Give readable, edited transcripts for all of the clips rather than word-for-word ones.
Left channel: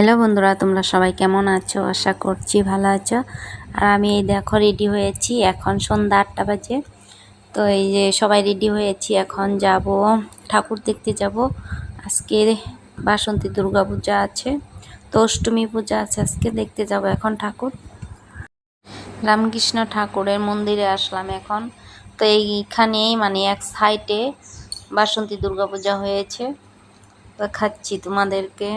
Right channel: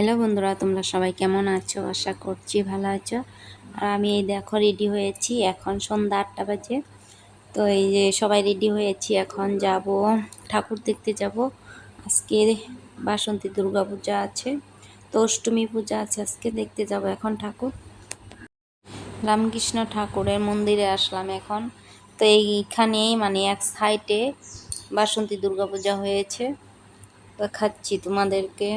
Hello বন্ধুরা, তোমরা সবাই কেমন আছো? আশা করছি ভালো আছো। আর আমি এই দেখো রেডি হয়েছি, এখন সন্ধ্যা 8টা বাজে। তো এই যে সবাই রেডি হয়েছি, এখন যাব ঠাকুর দেখতে যাব। আজকে বাসন্তী দুর্গা পূজা আছে, তো অষ্টমী পূজা আছে, আজকে দেখতে যাব এখন ঠাকুর। রামকৃষ্ণ ঠাকুরের মন্দিরে আসলাম এখন। তো এইখানেই মানে এক সাইডে বাসন্তী দুর্গা পূজা হয়েছে, দেখাচ্ছি তোমাদেরকে।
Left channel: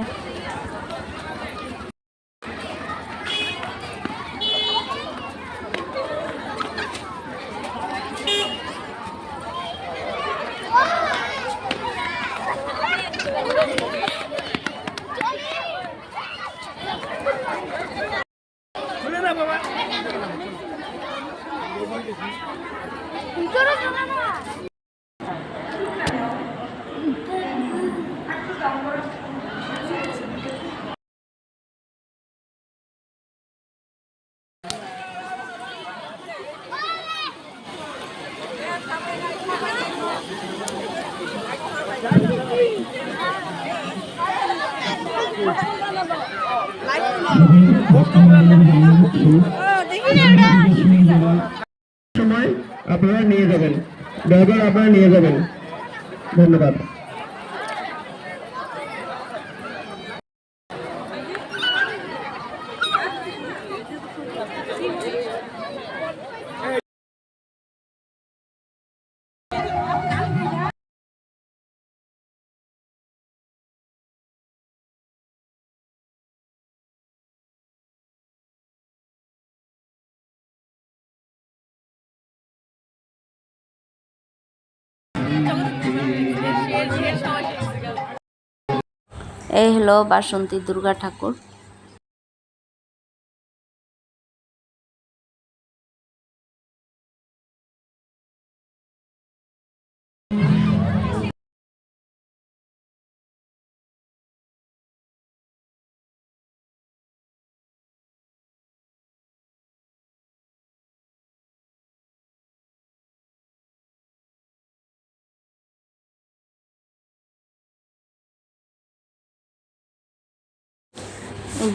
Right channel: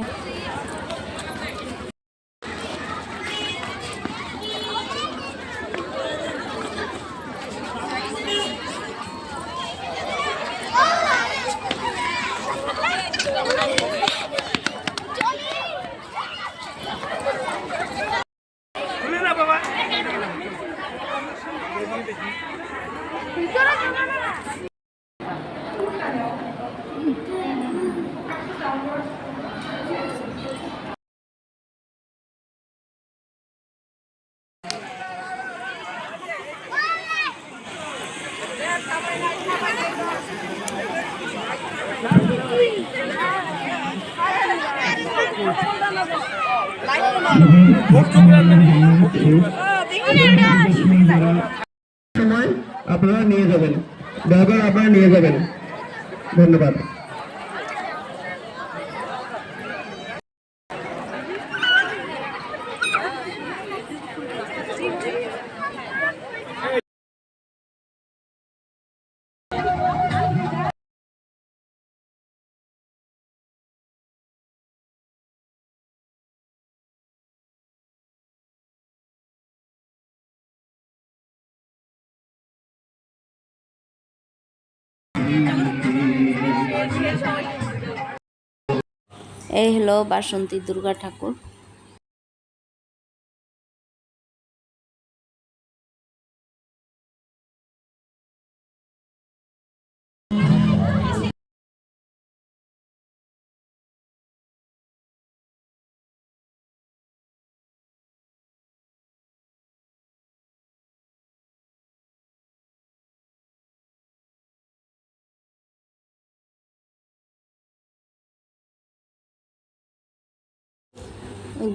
সময় আপনারা নিয়ে যাবেন, দয়া করে আপনারা নিয়ে যাবেন। ধন্যবাদ। এই হলো বাসন্তী দুর্গা ঠাকুর।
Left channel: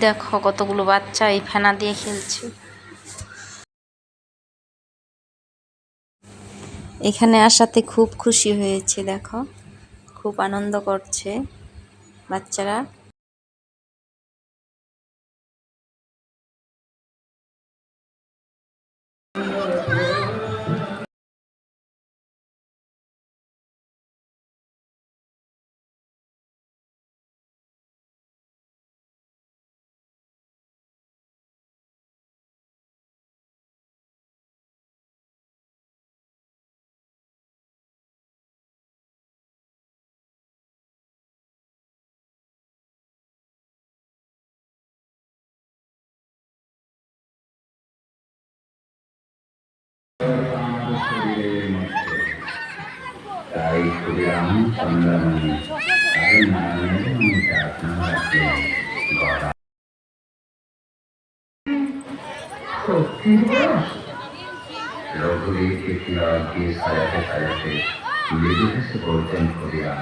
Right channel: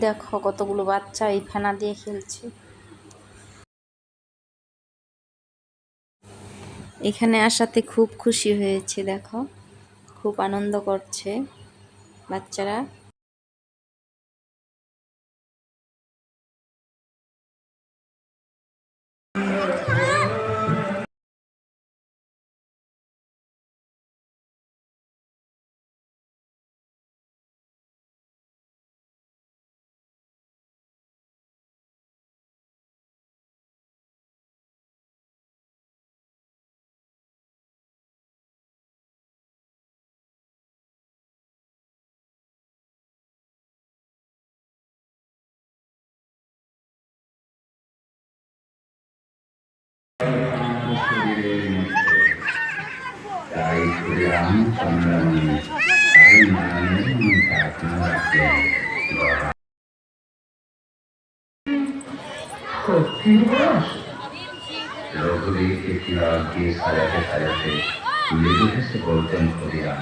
দেখো কতগুলো বাচ্চা এই ফেনা দিয়ে খেলছে। এখানে আসাতে খুব খুশি হয়েছে, দেখো খুব আনন্দ করছে বাচ্চারা। रघुवीर के खिलाफ की सायाते सायाते নিজে से বলতেন করিয়া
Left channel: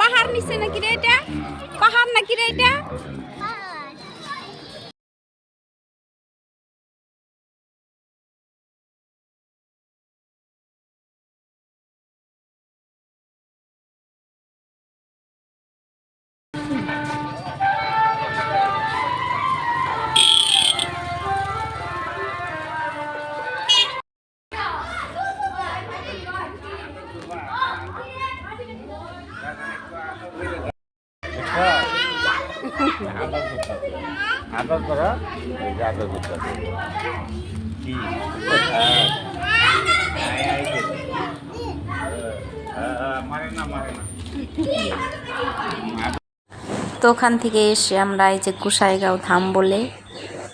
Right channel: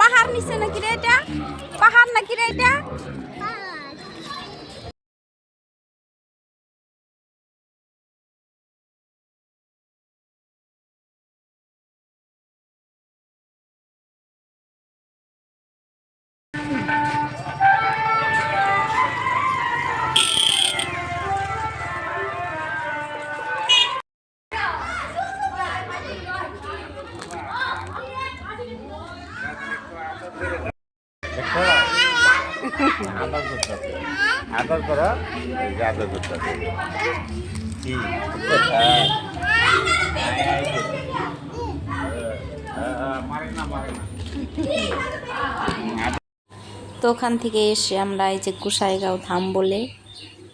পাহাড় নিচে নাকি রে এটা? পাহাড় নাকি রে এটা? আদর করো, আদর করতে মারে না মারে না। তো ওখান থেকে এসে আমরা এই যে গোসাইগাঁও ধাম বলে,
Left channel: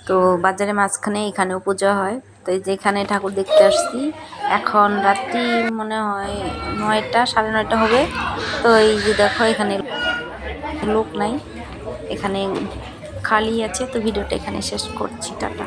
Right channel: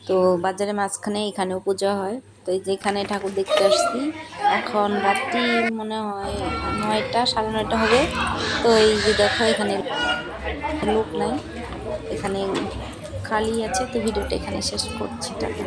তো বাজারের মাঝখানে এখানেও পূজা হয়। তো এই যে এখানে ঠাকুর দেখতে আসছি। এখন রাত্রি মনে হয় 9টা 9:30 হবে। তো এই যে দেখো এখানে লোক নাই, এখানে খালি আছে। তো ভিডিওটা এখানে শেষ করছি, টাটা।